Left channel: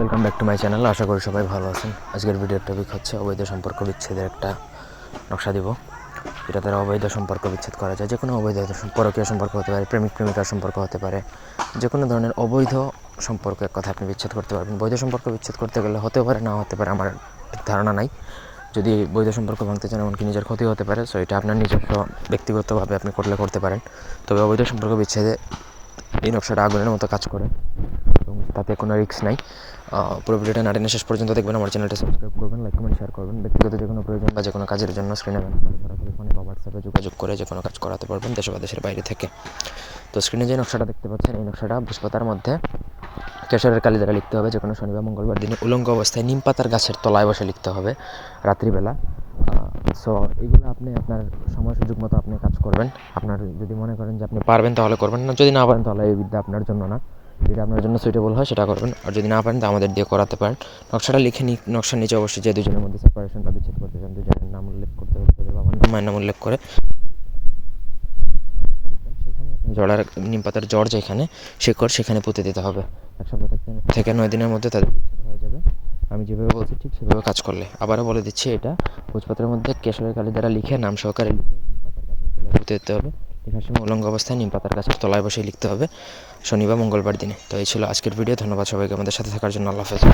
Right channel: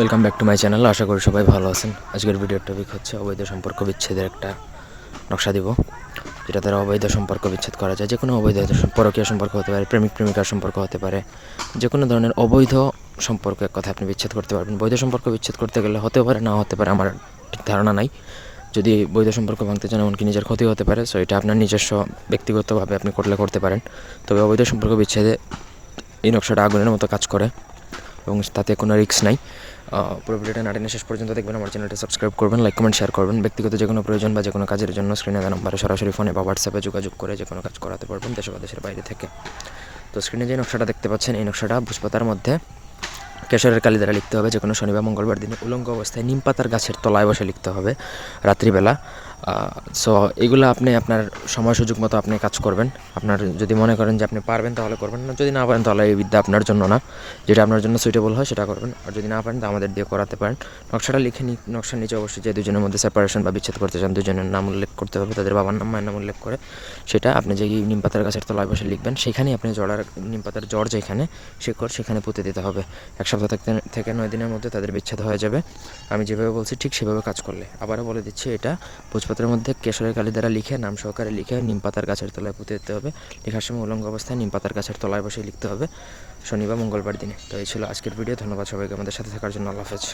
Welcome back to my channel. আশা করি সবাই ভালো আছেন। আজকের ভিডিওর টপিক হচ্ছে অবৈধ সম্পর্ক বিচ্ছেদের একটা নকশা দিব, যেটা দ্বারা অবৈধ সম্পর্ক বিচ্ছেদ করা যায়। যে কোনো অবৈধ পরকীয় সম্পর্ক হতে পারে, প্রেমিক প্রেমিকার সম্পর্ক হতে পারে, যে কোনো ধরনের অবৈধ সম্পর্কের কথা আপনি বিচ্ছেদ করতে পারবেন। বৈধ সম্পর্ক বিচ্ছেদ করতে গেলে হতে পারে, না হতে পারে, আমার ঠিক ধারণা নাই। যদি বৈধ সম্পর্ক ভাঙতে চান, এমনকি নিজের ক্ষতি হতে পারে, সো এটা আপনার নিজস্ব ব্যক্তিগতভাবে আপনি করতে পারেন। তবে অবৈধ সম্পর্ক বিচ্ছেদে এই নকশাটা আগুনের মতো কাজ করে এবং তাতে কোনো রিস্ক নাই। পুরো ভিডিওটা না টেনে শেষ পর্যন্ত দেখবেন। আমার চ্যানেলটা সাবস্ক্রাইব করবেন, লাইক কমেন্ট শেয়ার করবেন। ব্যক্তিগত যে কোনো প্রয়োজন বা যে কোনো কাজের জন্য স্ক্রিনে দেওয়া নাম্বারে সরাসরি ফোনে বা হোয়াটসঅ্যাপে যোগাযোগ করে যে কোনো কাজ করাতে পারবেন, দেশে বা দেশের বাইরে থেকে। তো স্ক্রিনে যে নকশাটা দেখতে পাচ্ছেন, এই নকশাটা ভোজপাতার মধ্যে কেশরের কালি দ্বারা লিখতে হবে। যে কোনো শনিবার মঙ্গলবার দিনে উলঙ্গ অবস্থায় নিম পাতার গাছের তলায় বসে লিখতে হবে রাত্রিবেলা। সো এগুলো আপনি আপনার সময় সুযোগ মতো আপনি কাজ করবেন। আপনার যদি মনে করেন যে আপনি পারবেন তাহলে করবেন, না যদি না পারেন তাহলে এই বিদ্যা আপনার জন্য না। যেটা আপনার জন্য সুইটেবল হয় সেটা করবেন, আর যদি না পারেন তা আমাদের দিয়ে করাতে পারেন। নকশাটা লিখে নকশার নিচে অবশ্যই যে দুজনের মধ্যে সেপারেশন বা বিচ্ছেদ করতে চান, দুজনের নাম উল্লেখ করতে হবে, তাদের বাবার নাম মায়ের নাম উল্লেখ করে সেটা আপনি যে নিম পাতার গাছের তলায় বসে লিখবেন, সেখানেই আপনি নিম পাতার জড় যেখানে শেকড় সেখানে পুঁতে দিতে হবে। 1 সপ্তাহ থেকে 9 দিনের মধ্যে তাদের বিচ্ছেদ হয়ে যাবে। আমি যেভাবে বলছি ঠিক সেভাবে কাজ করলে। আবারও বলে দিচ্ছি, এটা ভোজপাতার মধ্যে কেশরের কালি দ্বারা লিখে নাম সহকারে লিখে নিম পাতার গাছের তলায় পুঁতে দিতে হবে। লেখার সময় উলঙ্গ অবস্থায় নিম পাতার গাছের তলায় বসে লিখতে হবে শনিবার মঙ্গলবার দিনে। তো এই ছিল আজকের ভিডিও। ধন্যবাদ সবাইকে আমাদের সাথে থাকার জন্য। আল্লাহ হাফেজ।